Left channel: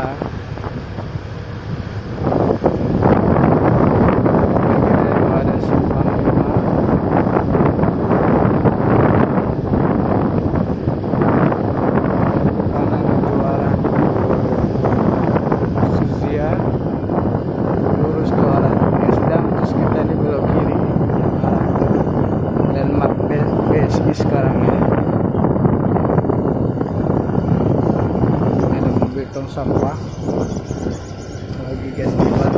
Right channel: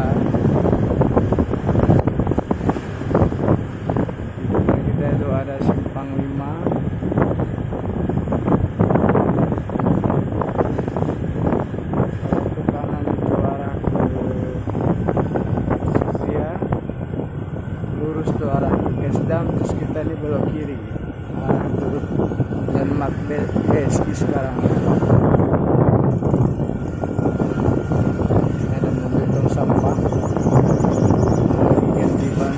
Nusantara. Itu ada Simpang 5. Satu kanan itu arah Susia, lurus ke arah Esdam, terus kita ini belok kiri arah ke landmark BSI sekarang ya. Ini ada mobil tong sampah lagi ganti ban.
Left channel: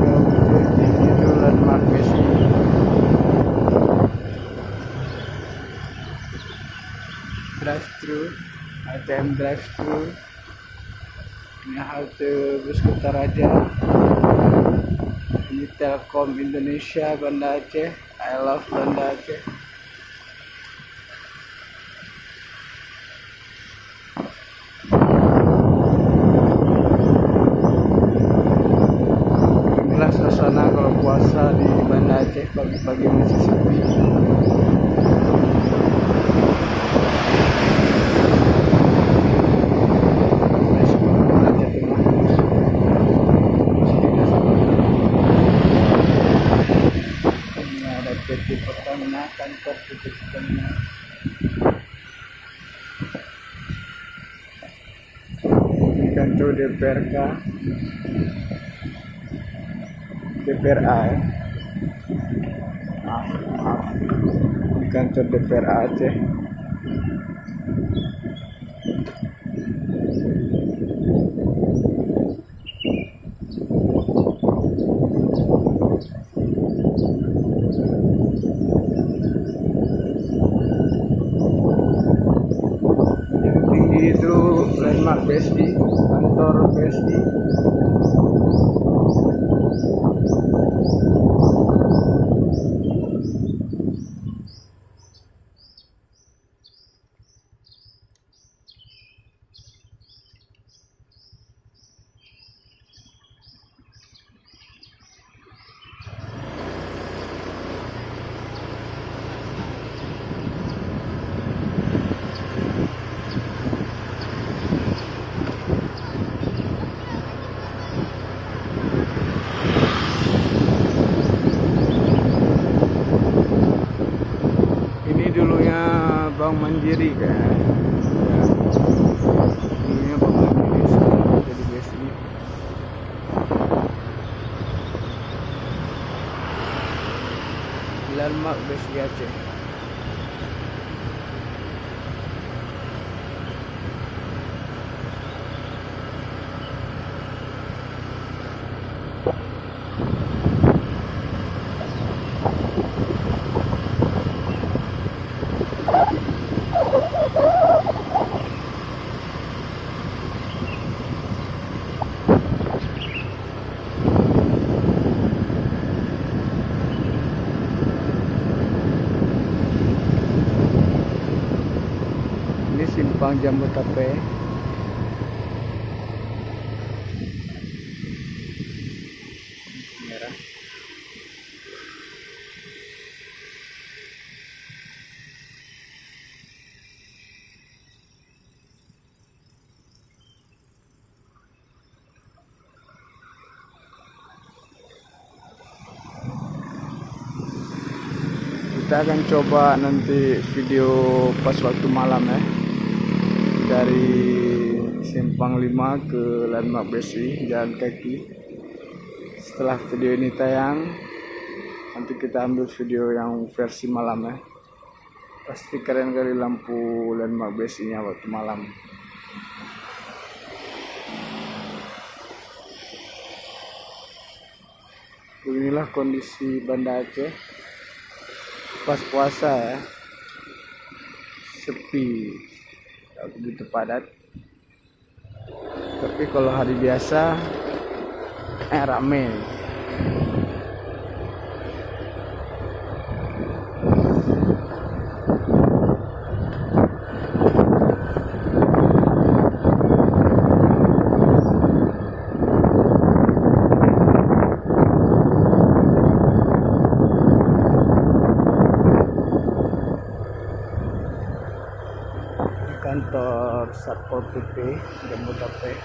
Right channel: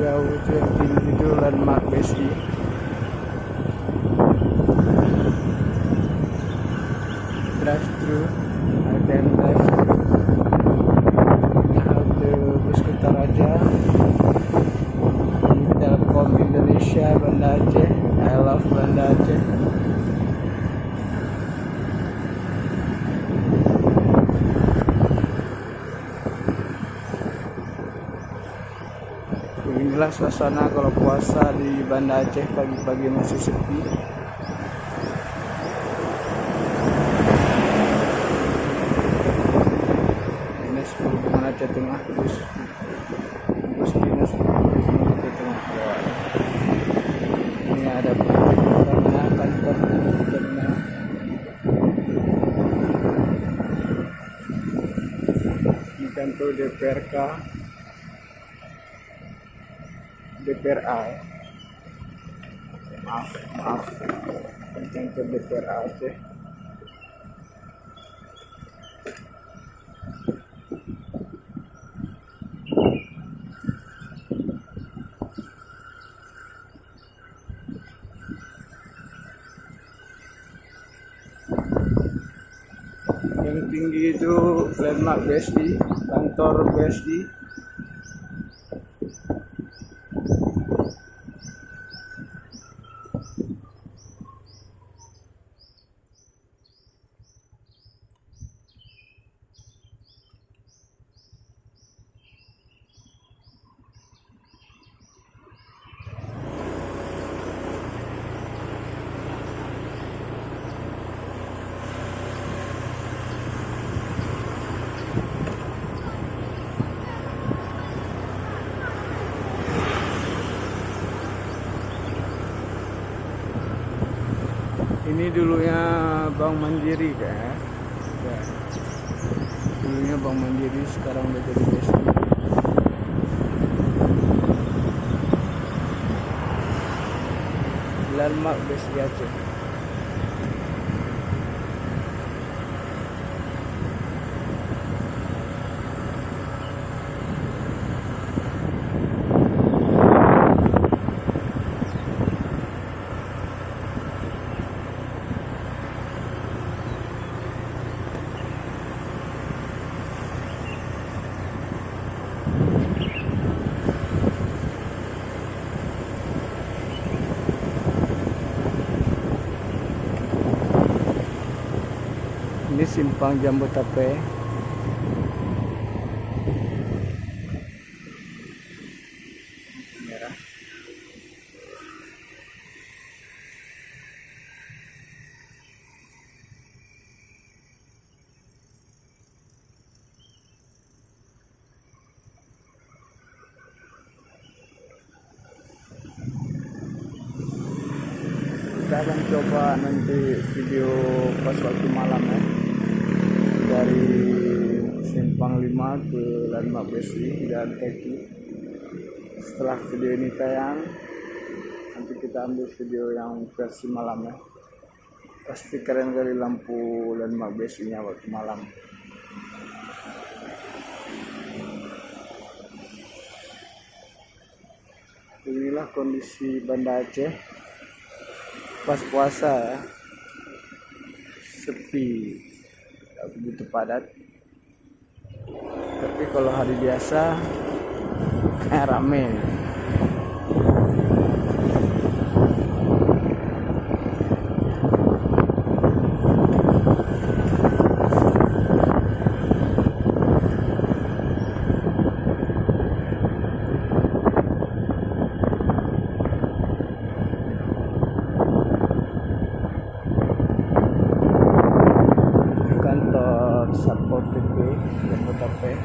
Jauh itu landmark BSI. Drive thru, ATM drive thru. Ini halte bus Kutaraja. Ini Telkom Indonesia Banda Aceh. I love Banda Aceh. Inilah suasana kalau puasa di Banda Aceh, pagi-pagi masih sepi. Bus dinas ini ada PT Pertamina, kantor PT Pertamina. Ini kantor DPRK, DPRA ya. Maaf, ini kantor DPRA Aceh. Yang tinggi itu landmark BSI, kantor BSI. Ini dulunya Bank Mandiri kan? Ya. Dulunya Bank Mandiri, sekarang jadi BSI. Landmark BSI Aceh. Ini simpang Jambu Tape. Merah. Kita akan coba nanti video pas waktu malam ya, dari Simpang 5 ke landmark BSI jalan kaki. Setelah video ini tayang, nanti kita ambil video yang versi malam ya. Pasti keren kali lampu landmark BSI nya waktu malam. Inilah kondisi Banda Aceh pas puasa ya, sepi, tidak begitu padat. Tapi kalau hari biasa rame. kantor Satpol PP Jabodetabek.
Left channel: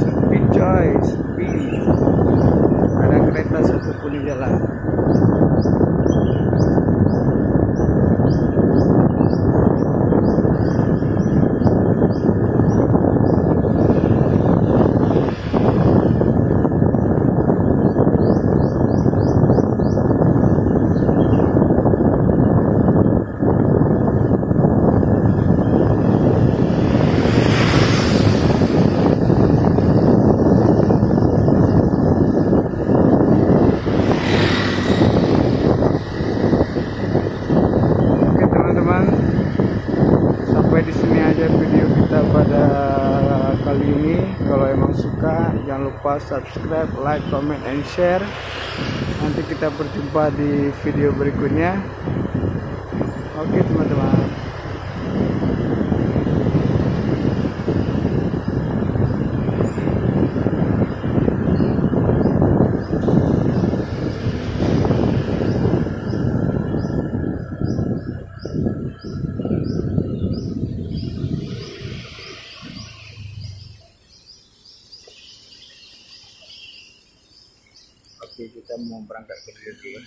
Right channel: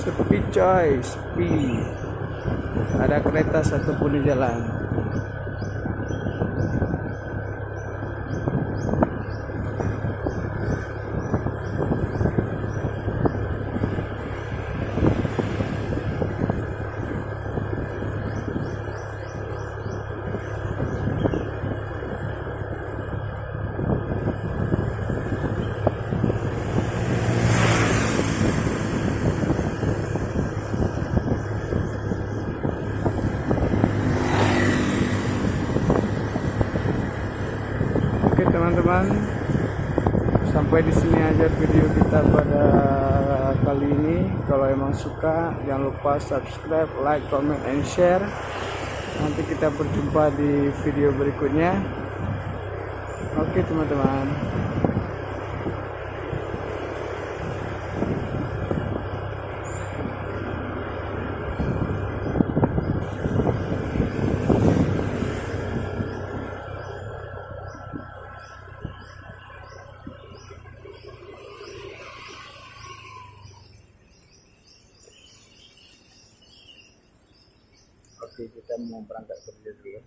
Sepi coy, sepi. Ada kereta satupun di jalan. Oke teman-teman, sampai di sini aja video kita pada kali ini. Kalau emang suka, jangan lupa subscribe, like, comment, and share. Nanti kita berjumpa di video berikutnya. Oke teman-teman. Oke, kita mau berangkat kerja dulu.